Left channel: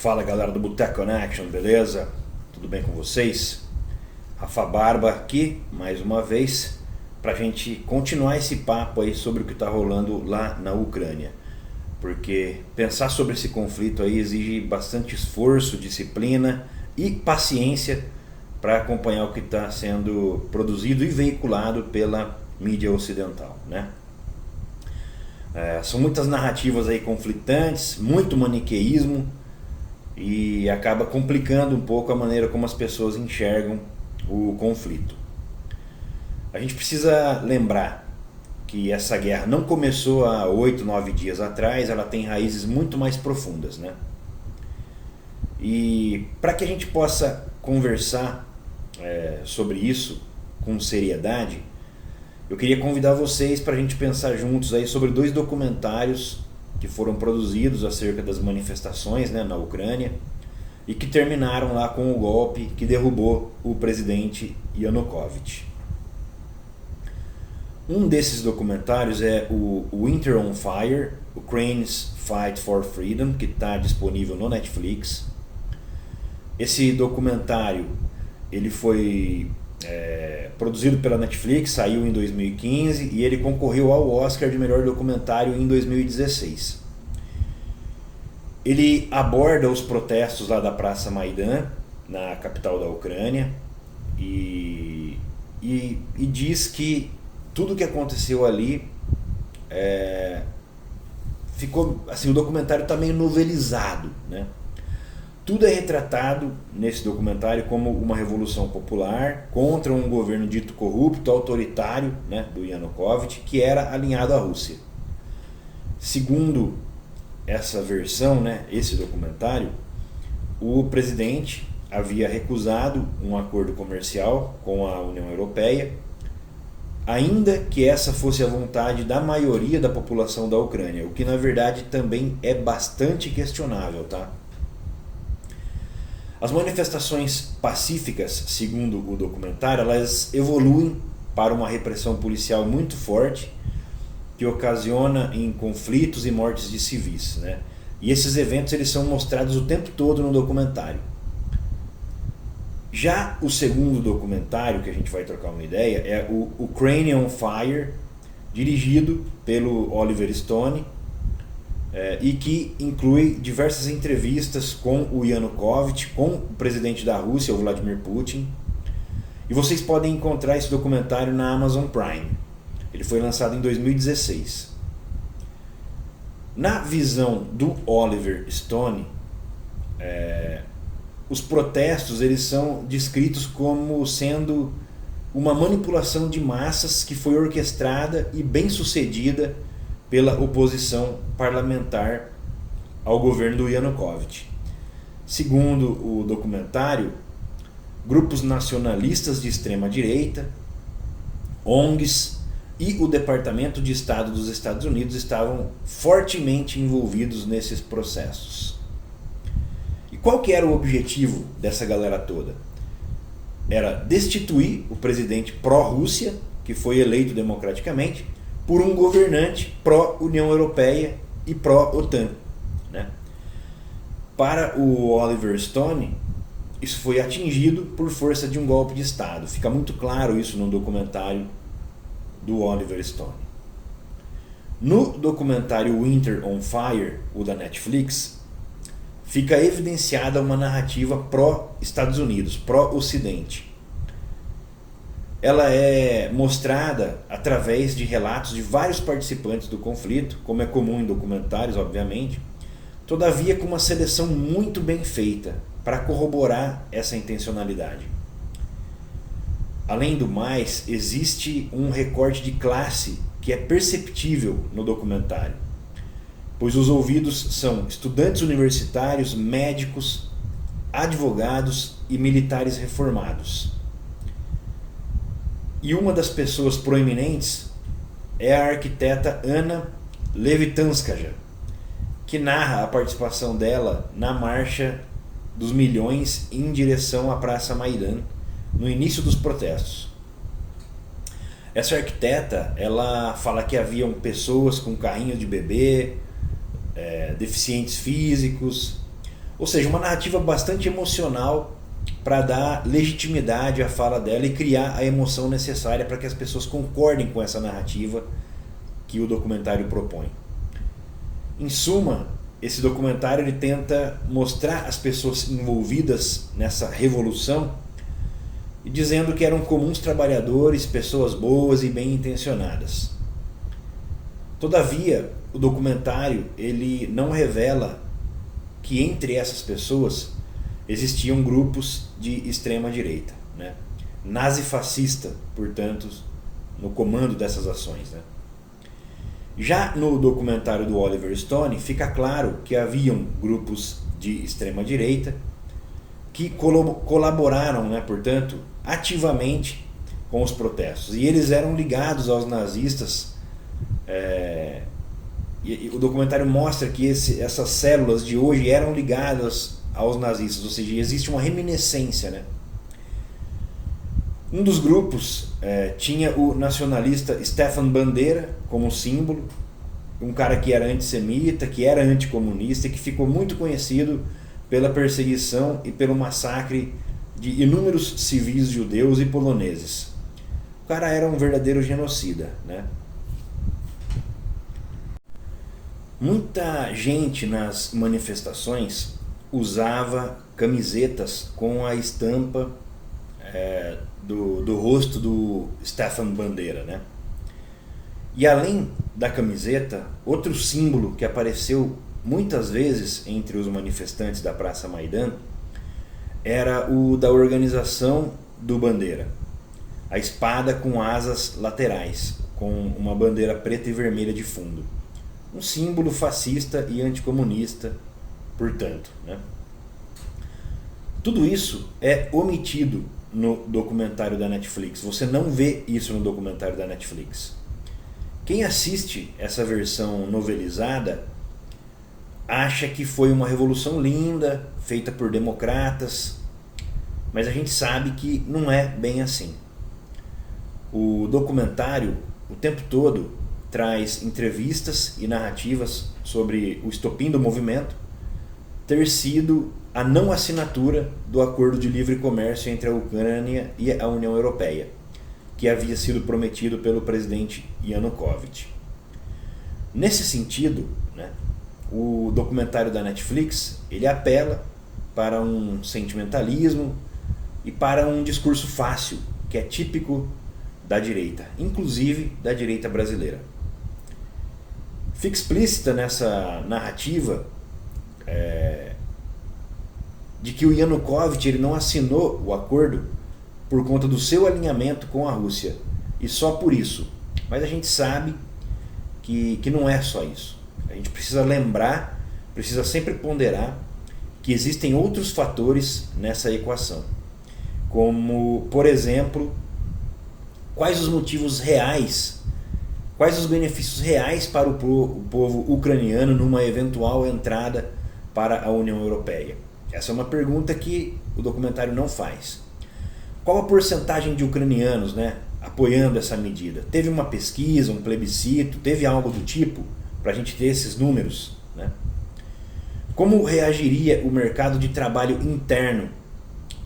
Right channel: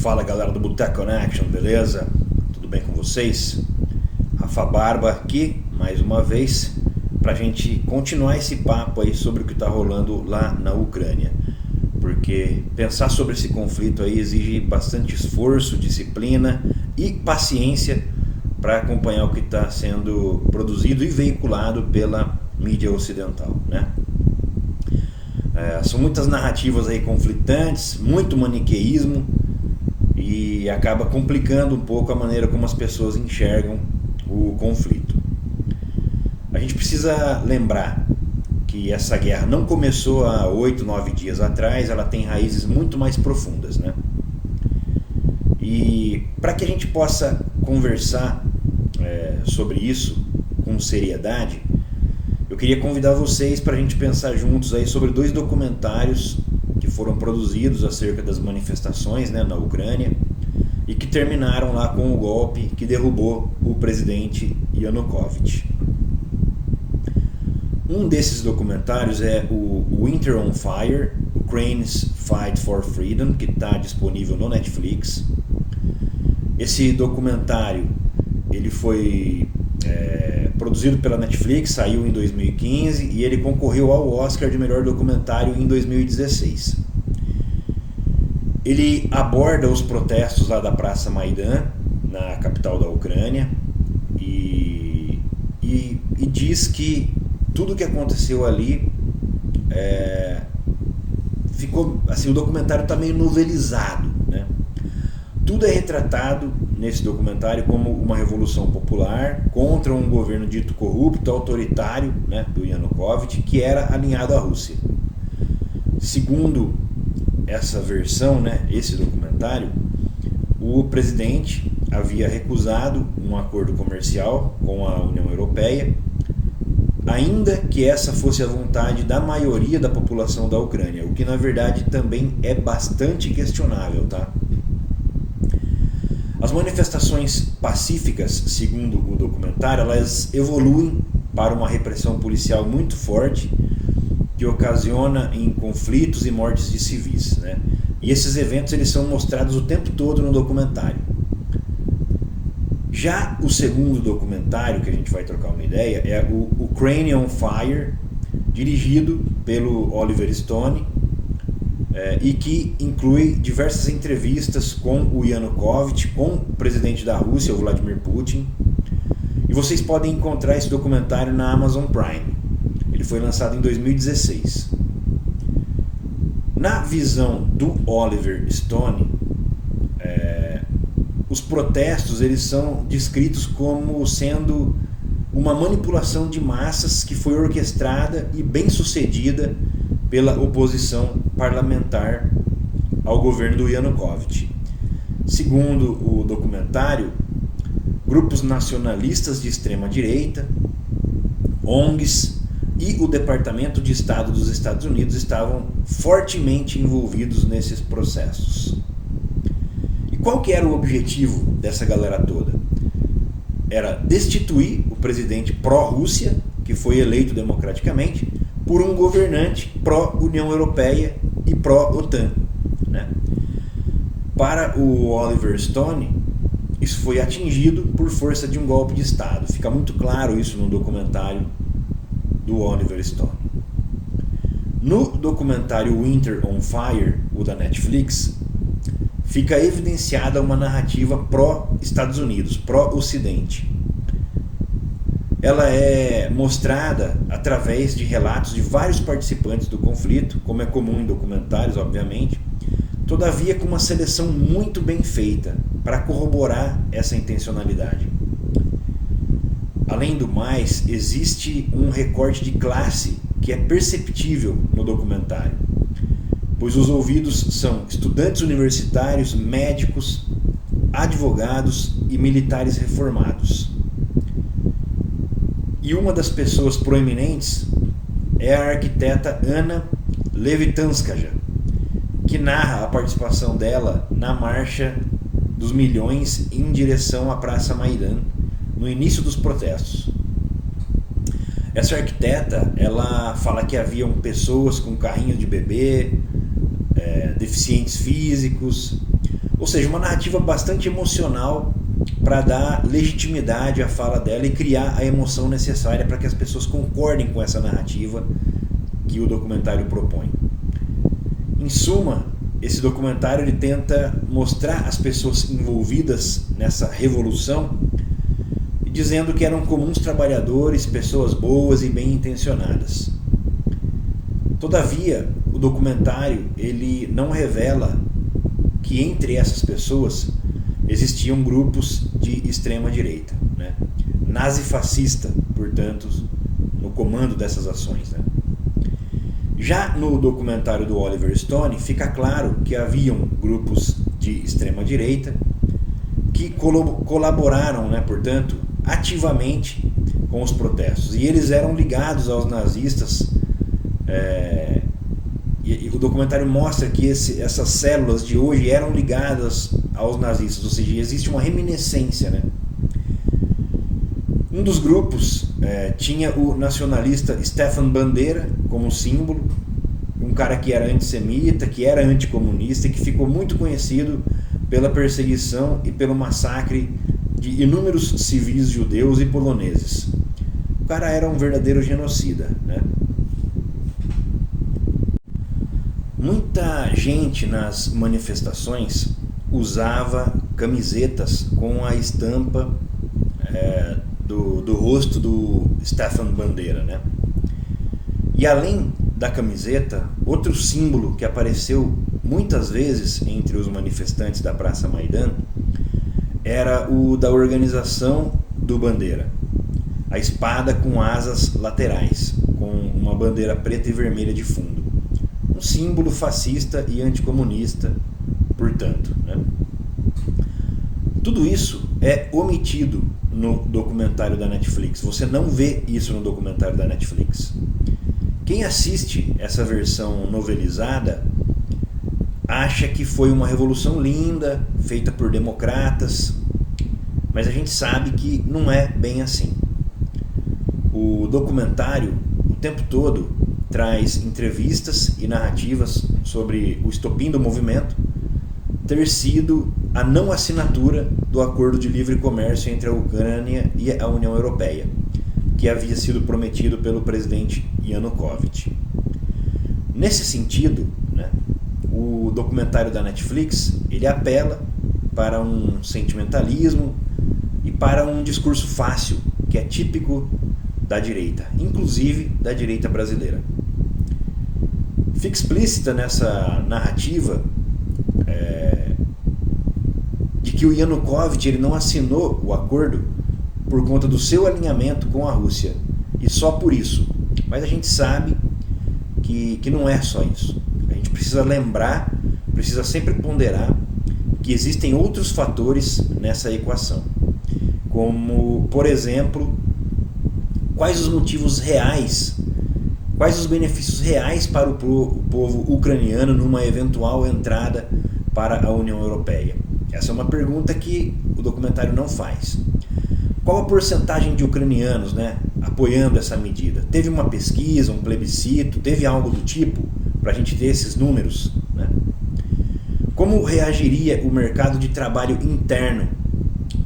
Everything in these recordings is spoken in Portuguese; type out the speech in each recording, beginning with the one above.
Fala galera do Boteco Connection, beleza? Tudo bem com vocês? Rafa Barba aqui, mais uma vez, pra gente continuar esse papo aí sobre o que tá rolando lá na Ucrânia. Porque pensar sobre esse conflito aí exige bastante esforço, disciplina e paciência para acompanhar o que está sendo produzido e veiculado pela mídia ocidental, né? São muitas narrativas aí conflitantes, muito maniqueísmo e acaba complicando um pouco a maneira como as pessoas enxergam o conflito. A gente precisa lembrar que essa guerra não começou há 8, 9 dias atrás, ela tem raízes muito mais profundas, né? E para que a gente possa conversar sobre isso com seriedade, eu queria convidar vocês para a gente pensar juntos aí sobre dois documentários que foram produzidos acerca das manifestações, né, na Ucrânia e que terminaram lá com o golpe que derrubou o presidente Yanukovych. Um desses documentários é o Winter on Fire, Ukraine's Fight for Freedom, que está disponível no Netflix. Esse documentário ele foi produzido pela Netflix, saiu em 2015 e ele concorreu ao Oscar de melhor documentário em 2016. Ele aborda os protestos lá da Praça Maidan, na capital da Ucrânia, e diz que tudo que aconteceu ali ficou assim, o documentário está meio novelizado, né? Tudo é retratado nesse documentário como uma revolução popular contra um governo dito corrupto, autoritário, né, do Yanukovych, que era alinhado à Rússia. Segundo essa versão, né, esse documentário, o presidente havia recusado um acordo comercial com a União Europeia, ainda que essa fosse a vontade da maioria da população da Ucrânia, o que na verdade também é bastante questionável, tá? As manifestações pacíficas, segundo o documentário, elas evoluem para uma repressão policial muito forte que ocasiona em conflitos e mortes de civis, né? E esses eventos eles são mostrados o tempo todo no documentário. Já o segundo documentário que a gente vai trocar uma ideia é o Ukraine on Fire, dirigido pelo Oliver Stone, e que inclui diversas entrevistas com o Yanukovych, com o presidente da Rússia, o Vladimir Putin. E vocês podem encontrar esse documentário na Amazon Prime. Ele foi lançado em 2016. Na visão do Oliver Stone, os protestos eles são descritos como sendo uma manipulação de massas que foi orquestrada e bem sucedida pela oposição parlamentar ao governo do Yanukovych. Segundo o documentário, grupos nacionalistas de extrema direita, ONGs e o Departamento de Estado dos Estados Unidos estavam fortemente envolvidos nesses processos. E qual que era o objetivo dessa galera toda? Era destituir o presidente pró-Rússia, que foi eleito democraticamente, por um governante pró-União Europeia e pró-OTAN, né? Para o Oliver Stone, isso foi atingido por força de um golpe de Estado. Fica muito claro isso no documentário do Oliver Stone. No documentário Winter on Fire, o da Netflix, fica evidenciada uma narrativa pró-Estados Unidos, pró-Ocidente. Ela é mostrada através de relatos de vários participantes do conflito, como é comum em documentários, obviamente, todavia com uma seleção muito bem feita para corroborar essa intencionalidade. Além do mais, existe um recorte de classe que é perceptível no documentário, pois os ouvidos são estudantes universitários, médicos, advogados e militares reformados. E uma das pessoas proeminentes é a arquiteta Anna Levitanskaja, que narra a participação dela na Marcha dos Milhões em direção à Praça Maidan, no início dos protestos. Essa arquiteta, ela fala que haviam pessoas com carrinho de bebê, deficientes físicos, Ou seja, uma narrativa bastante emocional para dar legitimidade à fala dela e criar a emoção necessária para que as pessoas concordem com essa narrativa que o documentário propõe. Em suma, esse documentário ele tenta mostrar as pessoas envolvidas nessa revolução, dizendo que eram comuns trabalhadores, pessoas boas e bem intencionadas. Todavia, o documentário ele não revela que entre essas pessoas existiam grupos de extrema direita, né? Nazi-fascista, portanto, no comando dessas ações, né? Já no documentário do Oliver Stone fica claro que haviam grupos de extrema direita que colaboraram, né, portanto, ativamente com os protestos, e eles eram ligados aos nazistas. E o documentário mostra que essas células de hoje eram ligadas aos nazistas, ou seja, existe uma reminiscência, né? Um dos grupos tinha o nacionalista Stefan Bandeira como símbolo, um cara que era antissemita, que era anticomunista e que ficou muito conhecido pela perseguição e pelo massacre de inúmeros civis judeus e poloneses. O cara era um verdadeiro genocida, né? Muita gente nas manifestações usava camisetas com a estampa do rosto do Stefan Bandeira, né? E além da camiseta, outro símbolo que apareceu muitas vezes entre os manifestantes da Praça Maidan era o da organização do Bandeira, a espada com asas laterais, com uma bandeira preta e vermelha de fundo. Um símbolo fascista e anticomunista, portanto, né? Tudo isso é omitido no documentário da Netflix. Você não vê isso no documentário da Netflix. Quem assiste essa versão novelizada acha que foi uma revolução linda, feita por democratas, mas a gente sabe que não é bem assim. O documentário, o tempo todo, traz entrevistas e narrativas sobre o estopim do movimento ter sido a não assinatura do acordo de livre comércio entre a Ucrânia e a União Europeia, que havia sido prometido pelo presidente Yanukovych. Nesse sentido, né, o documentário da Netflix ele apela para um sentimentalismo e para um discurso fácil, que é típico da direita, inclusive da direita brasileira. Fica explícita nessa narrativa de que o Yanukovych ele não assinou o acordo por conta do seu alinhamento com a Rússia, e só por isso. Mas a gente sabe que não é só isso. A gente precisa lembrar, precisa sempre ponderar que existem outros fatores nessa equação, como, por exemplo, quais os motivos reais, quais os benefícios reais para o povo ucraniano numa eventual entrada para a União Europeia. Essa é uma pergunta que o documentário não faz. Qual a porcentagem de ucranianos, né, apoiando essa medida? Teve uma pesquisa, um plebiscito, teve algo do tipo para a gente ter esses números, né? Como reagiria o mercado de trabalho interno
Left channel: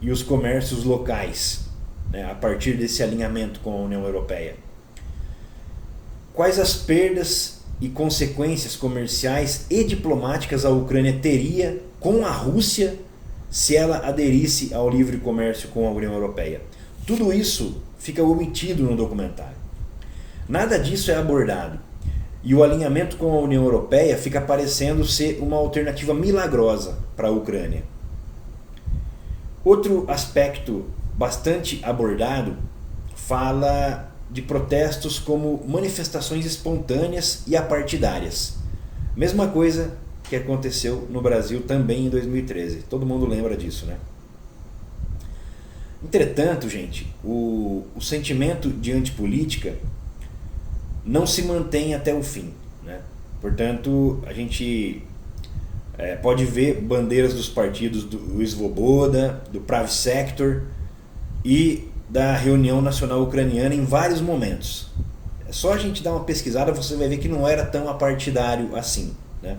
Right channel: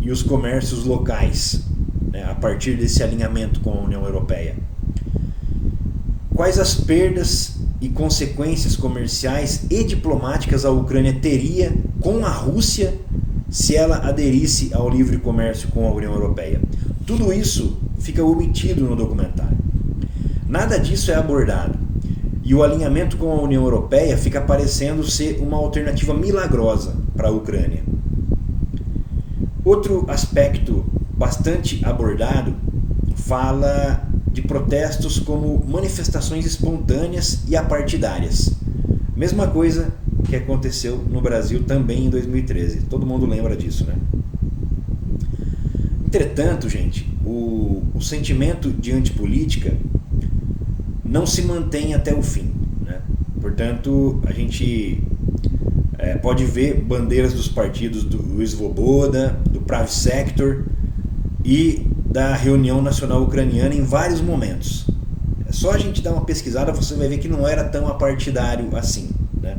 e os comércios locais, né, a partir desse alinhamento com a União Europeia? Quais as perdas e consequências comerciais e diplomáticas a Ucrânia teria com a Rússia se ela aderisse ao livre comércio com a União Europeia? Tudo isso fica omitido no documentário. Nada disso é abordado. E o alinhamento com a União Europeia fica parecendo ser uma alternativa milagrosa para a Ucrânia. Outro aspecto bastante abordado fala de protestos como manifestações espontâneas e apartidárias. Mesma coisa que aconteceu no Brasil também em 2013. Todo mundo lembra disso, né? Entretanto, gente, o sentimento de antipolítica não se mantém até o fim, né? Portanto, a gente pode ver bandeiras dos partidos do Svoboda, do Pravi Sector e da Reunião Nacional Ucraniana em vários momentos. É só a gente dar uma pesquisada, você vai ver que não era tão apartidário assim, né?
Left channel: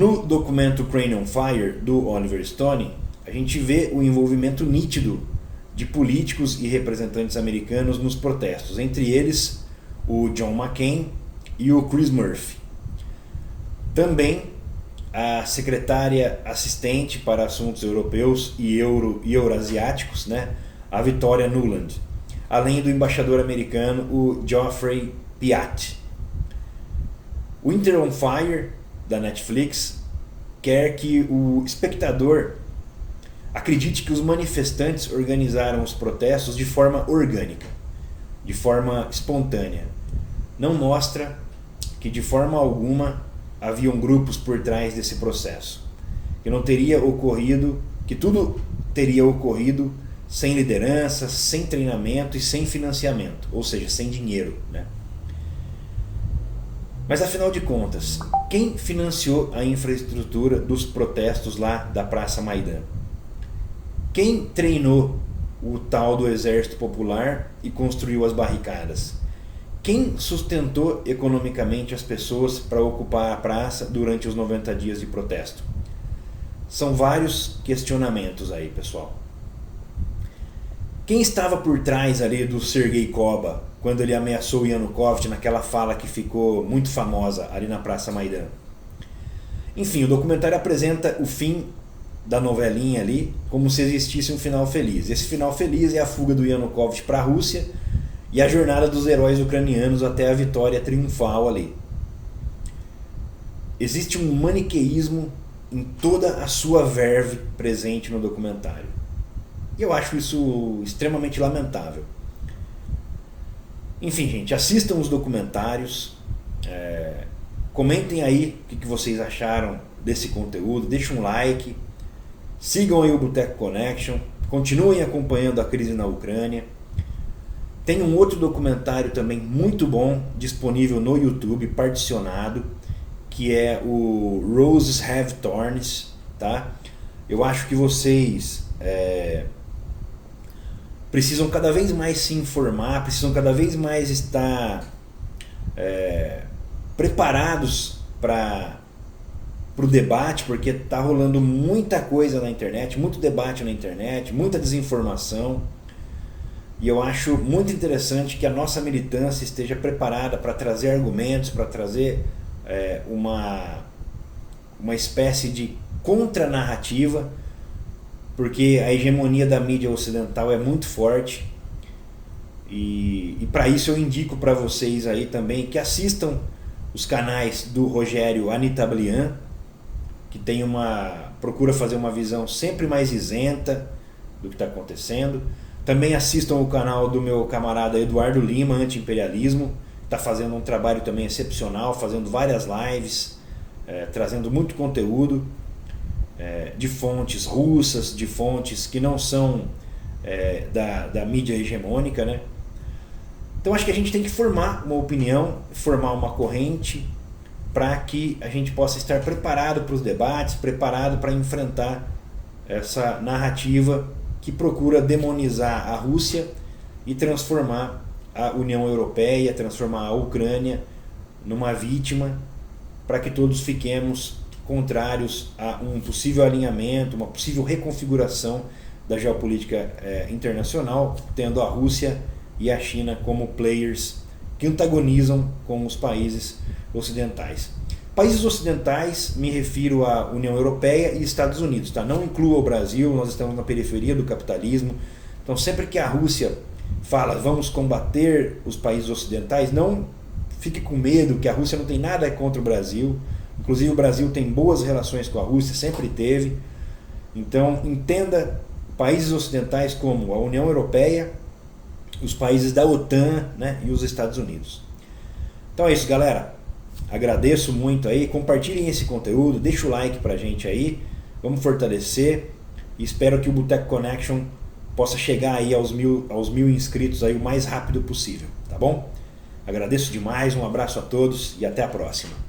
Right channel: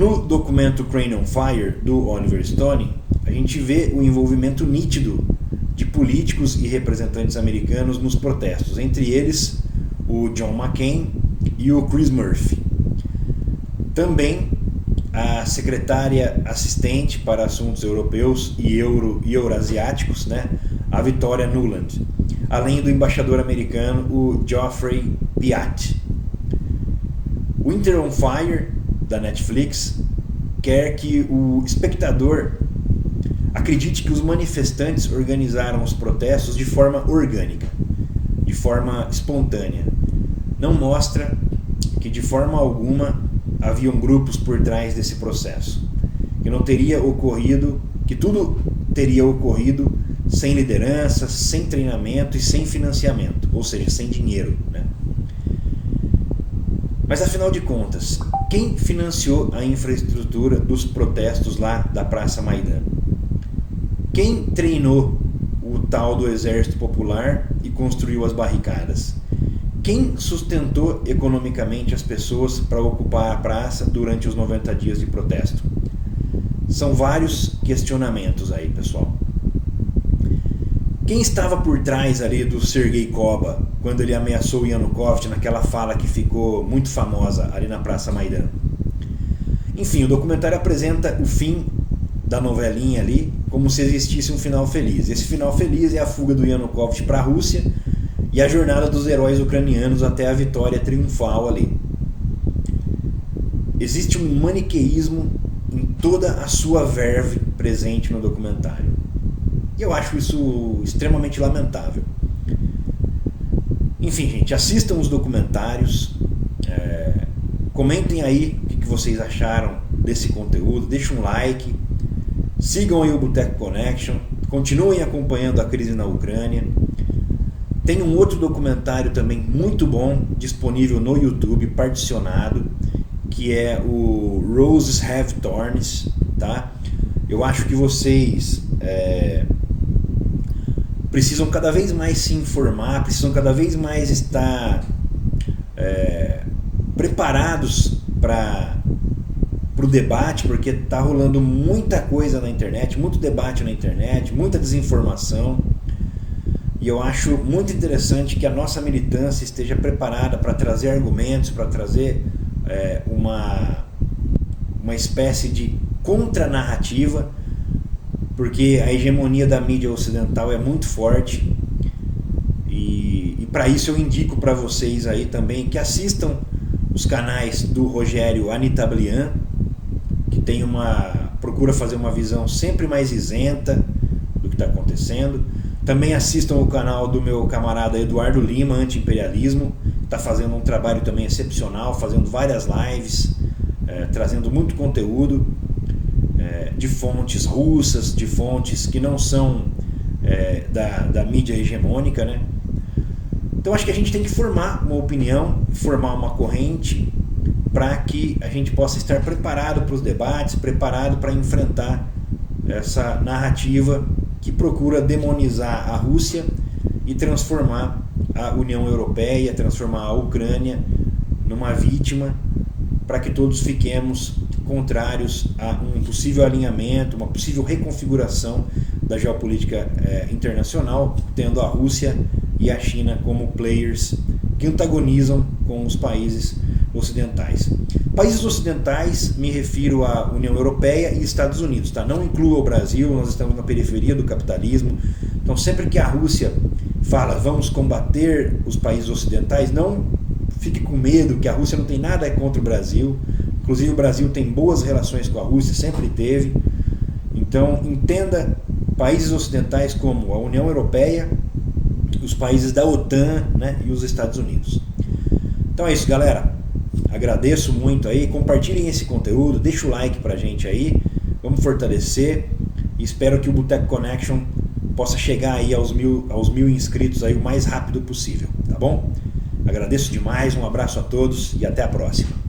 No documento Ukraine on Fire, do Oliver Stone, a gente vê o envolvimento nítido de políticos e representantes americanos nos protestos, entre eles o John McCain e o Chris Murphy. Também a secretária assistente para assuntos europeus e eurasiáticos, né, a Victoria Nuland, além do embaixador americano, o Geoffrey Piat. Winter on Fire, da Netflix, quer que o espectador acredite que os manifestantes organizaram os protestos de forma orgânica, de forma espontânea. Não mostra que de forma alguma haviam grupos por trás desse processo, que não teria ocorrido, que tudo teria ocorrido sem liderança, sem treinamento e sem financiamento, ou seja, sem dinheiro, né? Mas afinal de contas, quem financiou a infraestrutura dos protestos lá da Praça Maidan? Quem treinou o tal do Exército Popular e construiu as barricadas? Quem sustentou economicamente as pessoas para ocupar a praça durante os 90 dias de protesto? São vários questionamentos aí, pessoal. Quem estava por trás ali do Sergei Koba quando ele ameaçou o Yanukovych naquela fala que ficou muito famosa ali na Praça Maidan? Enfim, o documentário apresenta o fim da novelinha ali como se existisse um final feliz. Esse final feliz é a fuga do Yanukovych para a Rússia e a jornada dos heróis ucranianos até a vitória triunfal ali. Existe um maniqueísmo em toda a sua verve presente no documentário. E eu acho isso extremamente lamentável. Enfim, gente, assistam os documentários, comentem aí o que vocês acharam desse conteúdo, deixem um like, sigam aí o Boteco Connection, continuem acompanhando a crise na Ucrânia. Tem um outro documentário também muito bom, disponível no YouTube, particionado, que é o Roses Have Thorns, tá? Eu acho que vocês precisam cada vez mais se informar, precisam cada vez mais estar preparados para o debate, porque está rolando muita coisa na internet, muito debate na internet, muita desinformação. E eu acho muito interessante que a nossa militância esteja preparada para trazer argumentos, para trazer uma espécie de contranarrativa, porque a hegemonia da mídia ocidental é muito forte. E para isso eu indico para vocês aí também que assistam os canais do Rogério Anitablian, que procura fazer uma visão sempre mais isenta do que está acontecendo. Também assistam o canal do meu camarada Eduardo Lima, Anti-Imperialismo, está fazendo um trabalho também excepcional, fazendo várias lives, trazendo muito conteúdo de fontes russas, de fontes que não são da mídia hegemônica, né? Então acho que a gente tem que formar uma opinião, formar uma corrente, para que a gente possa estar preparado para os debates, preparado para enfrentar essa narrativa que procura demonizar a Rússia e transformar a União Europeia, transformar a Ucrânia numa vítima, para que todos fiquemos contrários a um possível alinhamento, uma possível reconfiguração da geopolítica internacional, tendo a Rússia e a China como players que antagonizam com os países ocidentais. Países ocidentais, me refiro à União Europeia e Estados Unidos, tá? Não inclua o Brasil, nós estamos na periferia do capitalismo. Então sempre que a Rússia fala vamos combater os países ocidentais, não fique com medo, que a Rússia não tem nada contra o Brasil. Inclusive o Brasil tem boas relações com a Rússia, sempre teve. Então entenda países ocidentais como a União Europeia, os países da OTAN, né, e os Estados Unidos. Então é isso, galera. Agradeço muito aí, compartilhem esse conteúdo, deixa o like pra gente aí, vamos fortalecer e espero que o Boteco Connection possa chegar aí aos mil inscritos aí o mais rápido possível, tá bom? Agradeço demais, um abraço a todos e até a próxima.